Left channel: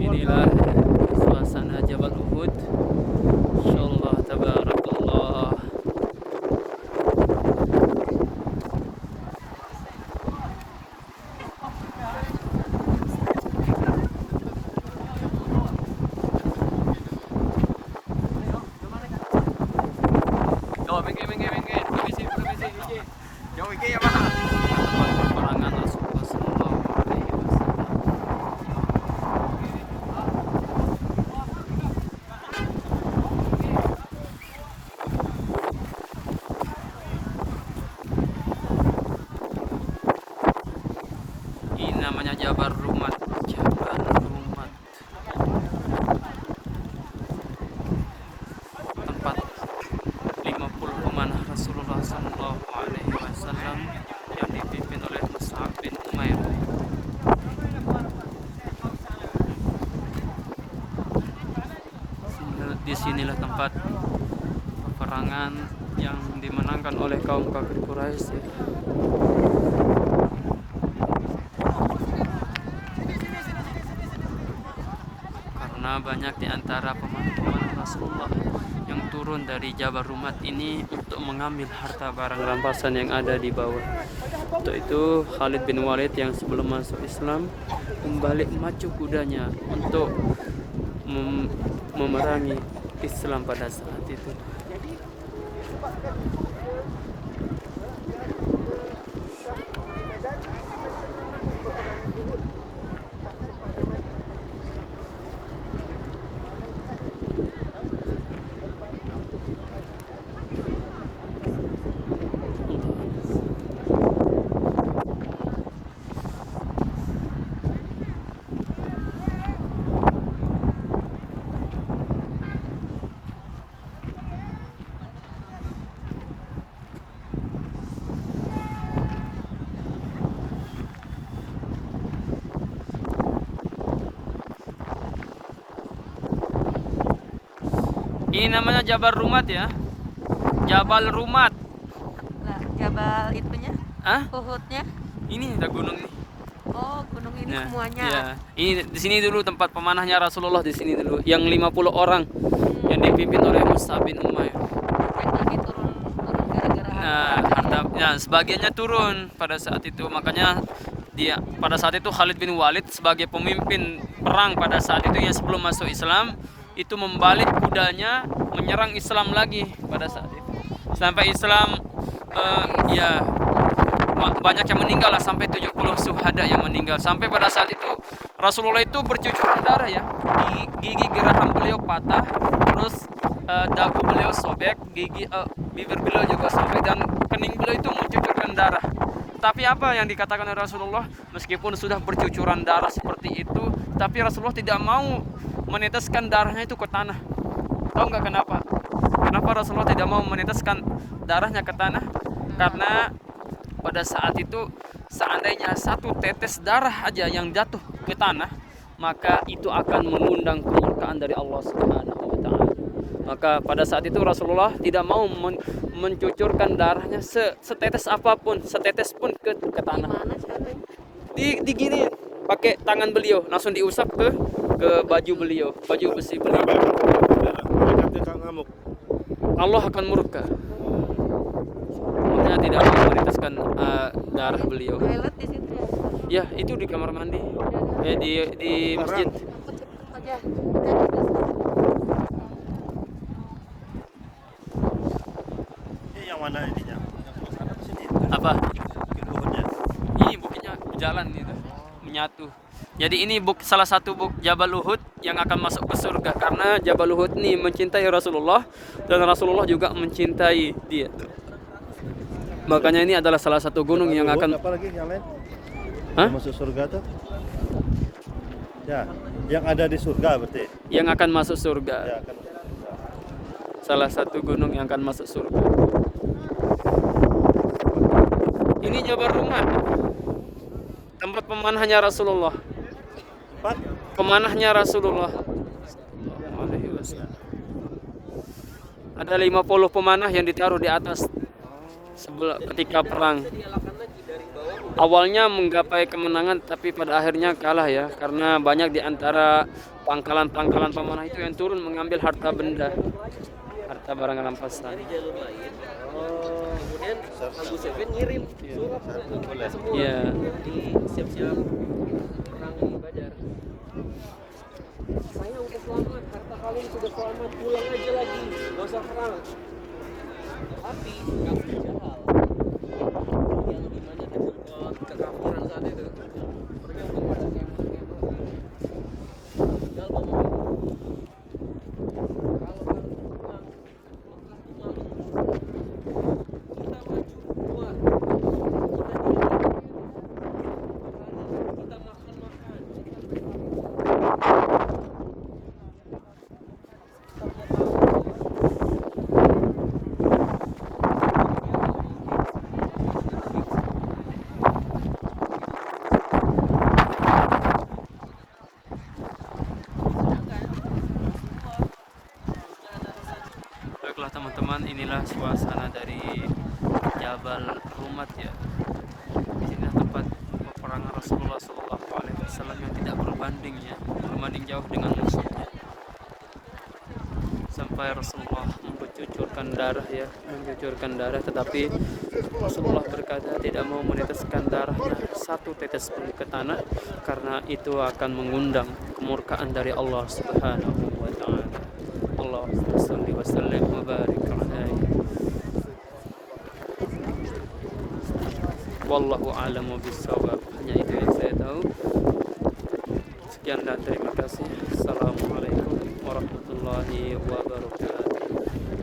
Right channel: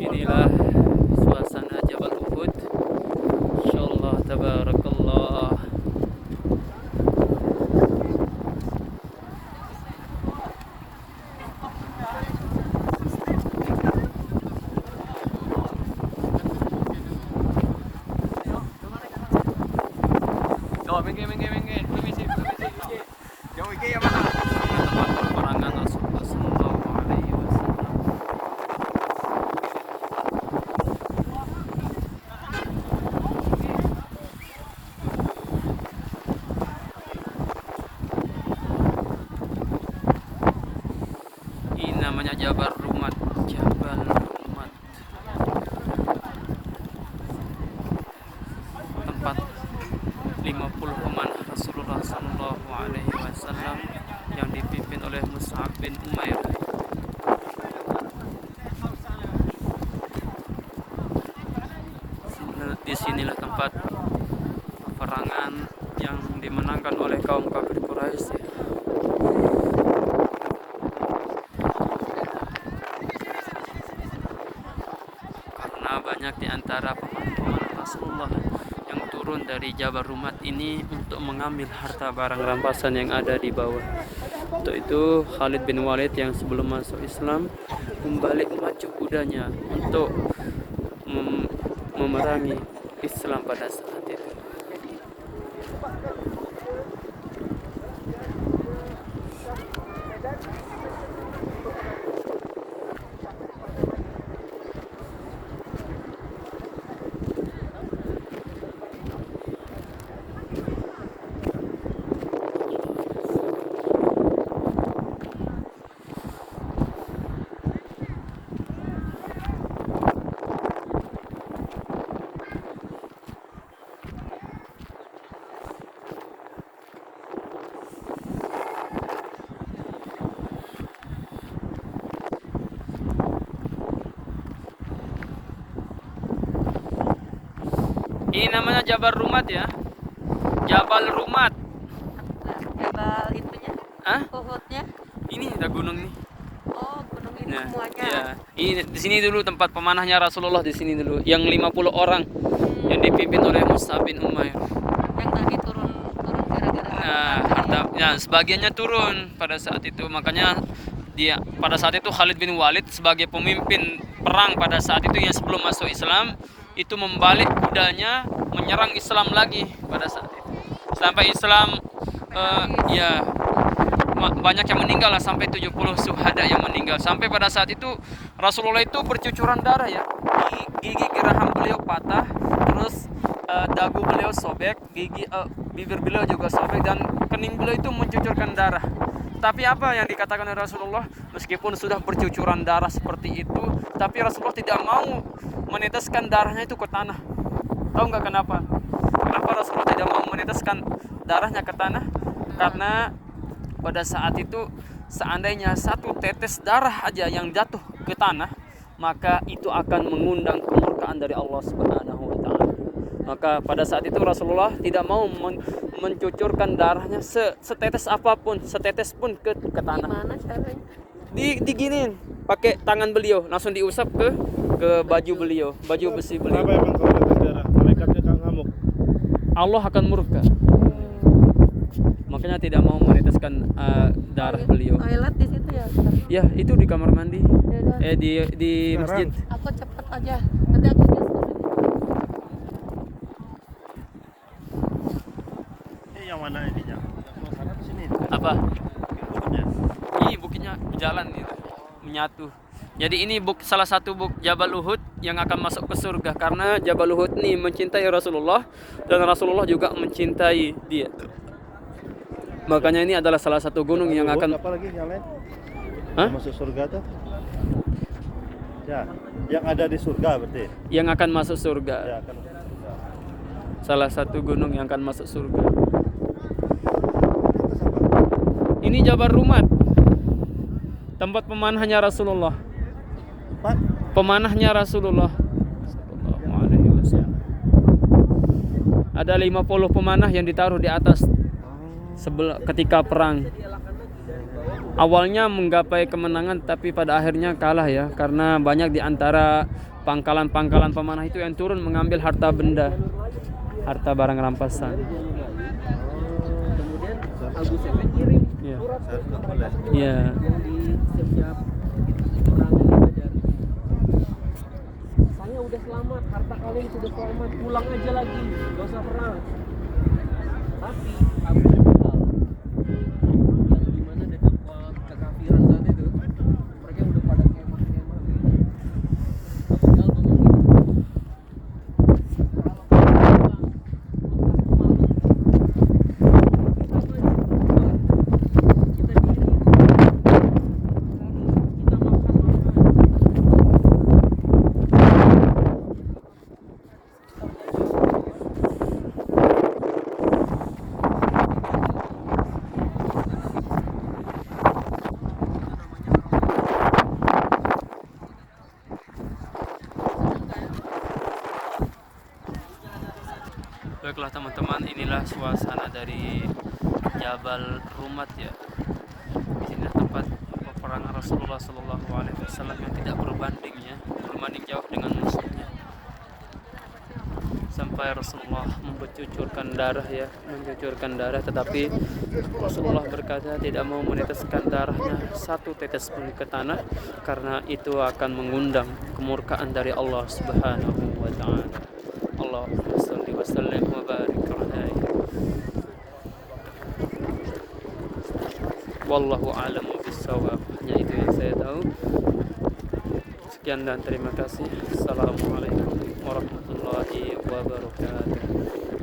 Inilah suasana Jabal Uhud. Insyaallah tabarakallah. Oh, minggir. Permisi. Jauh iki ya mana? Peperangan Rasulullah sallallahu alaihi wasallam. Ini namanya Jabal Rumat. Tempat 50 pemanah Rasulullah sallallahu alaihi wasallam yang dipimpin oleh Mus'ab bin Umair. Disinilah tempat peperangan yang dimenangkan oleh kaum kafir Quraisy. Karena banyak di antara pemanah Rasulullah yang turun dari Jabal Rumat ini untuk mengambil harta barang rampasan yang ada di bawah. Untuk itu Khalid bin Walid yang sebelum masuk Islam membalik memacu kudanya untuk memerangi Islam pada saat itu. Ini namanya Jabal Rumat ya. Jabal Rumat. Jabal itunya, Hah? Uhudnya. Ini ada gunung ini. Oh, gunung ini Nah, semuanya. ya. Ini di sini dulu tempat pemanahnya Rasulullah di sini dulu. Yang 50 orang yang dipimpin oleh Mus'ab bin Umair. Sampai tadi turun gara-gara Nah, ya, sebagiannya turun pada saat itu. Makanya dia pada saat itu Khalid bin Walid sebagai pemimpin perang pada saat itu yang sebelum masuk Islam itu membalik kudanya menyerang Islam lagi pada saat itu. Sampai Islam ya banyak yang meninggal lah, sampai 70 syuhada yang meninggal. Sampai pada saat itu Rasulullah itu bercucuran darah ya. Gigi geraham beliau patah, terus dagu beliau sobek, bibir beliau juga sobek, dan kening beliau itu mencucurkan darah. Tapi apa yang dikatakan oleh Rasulullah, meskipun sudah bercucuran darah seperti itu, tapi Rasulullah tidak mau meneteskan darahnya itu ke tanah. Tahu nggak kenapa? Kenapa Rasulullah tidak mau meneteskan darahnya ke tanah? Karena pada saat itu seandainya satu tetes darah aja yang jatuh ke tanah, maka itu akan mengundang kemurkaan dari Allah Subhanahu wa taala. Maka pada saat itu Rasulullah tidak mau mencucurkan darahnya setetes apapun, setetes pun ke tanah. gimana caranya? Diginiin pakai tangan beliau, langsung diusap ke baju beliau, baju besi beliau. Allah akan murka. Makanya tidak mau meneteskan darah beliau. Toilet di situ ya? Ya, itu di kamar mandi. Di masjid. Aku cepet aja. Udah gitu. Ini yang mana ini ya? Apa? Bukunya. Ini bukitnya jalan gitu, menyatu. Jadi ini salah satu Jabal Uhud yang akan masuk ke surga, karena Jabal Uhud ini mencintai Rasulullah dan Rasulullah juga mencintai dia. Makanya ini adalah salah satu gunung yang akan apa lagi yang lain? Hah? Masuk surga tuh? Ya, yang ada di surga berarti. yang akan masuk surga. Ya, akan. Salah satu gunung yang akan masuk surga. Ini Jabal Rumat. Tempat pemanahnya Rasulullah. Empat. Pemanahnya Rasulullah. Ada 50 pemanah yang ditaruh di atas ketika perang. awalnya menggapai kemenangan tapi pada akhirnya kalah ya, karena banyak di antara pangkalan-pangkalan pemanah itu yang turun mengambil harta benda, harta barang rampasan. Kemudian Abu Sufyan ngirim Iya. surat ke Nggak boleh. semua Iya. yang di siap-siap perang di Badar. Saya udah selamat, harta kalian sudah selamat, pulang aja lagi, gak usah perang. Tapi Abu Jahal yang dimana dengan kekafiran saat itu, mereka udah pada kemah-kemah. Abu Jahal ngomong, kalau kita perang, pasti malu. Kita maju keluar, kita diri, kita makan. Baiklah teman-teman, inilah suasana dari Jabal Rumat ya. Di sini tempat peperangan Rasulullah SAW yang tidak berbanding ya, berbanding jauh dengan musuhnya. Sampai Rasulullah mencucurkan darah ya, mencucurkan darah, tetapi Rasulullah berkata tidak mau meneteskan darahnya satu tetes pun ke tanah, karena itu akan mengundang kemurkaan dari Allah Subhanahu wa taala. Allahumma shalli wa sallim wa barik alaihi. Wallahu a'lamu bissawab. Hanya itu yang saya tahu. Sekian dan terima kasih. Assalamualaikum warahmatullahi wabarakatuh.